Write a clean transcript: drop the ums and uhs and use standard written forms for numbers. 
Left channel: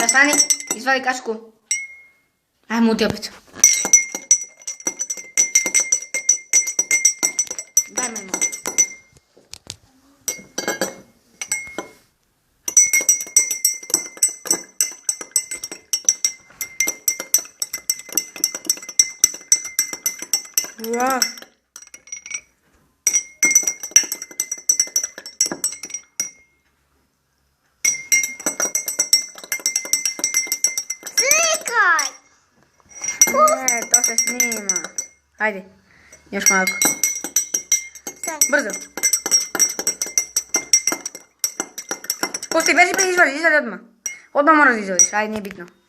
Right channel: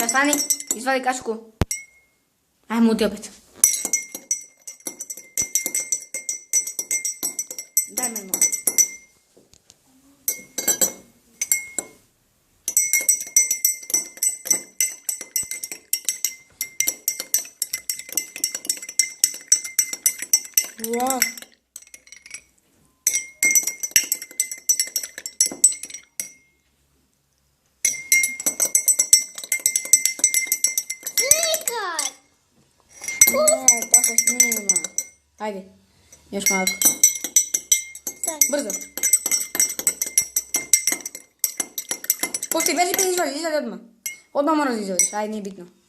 Sad stani, izvali kačku. Ajmo ti opet. Daj me malo. Wow. Slikaj! Ne, to se snima. Ajde, još malo. Brzo. Pusti, beži pa izvali odmah. Odmah moraš izvališ, ajde, nije bitno.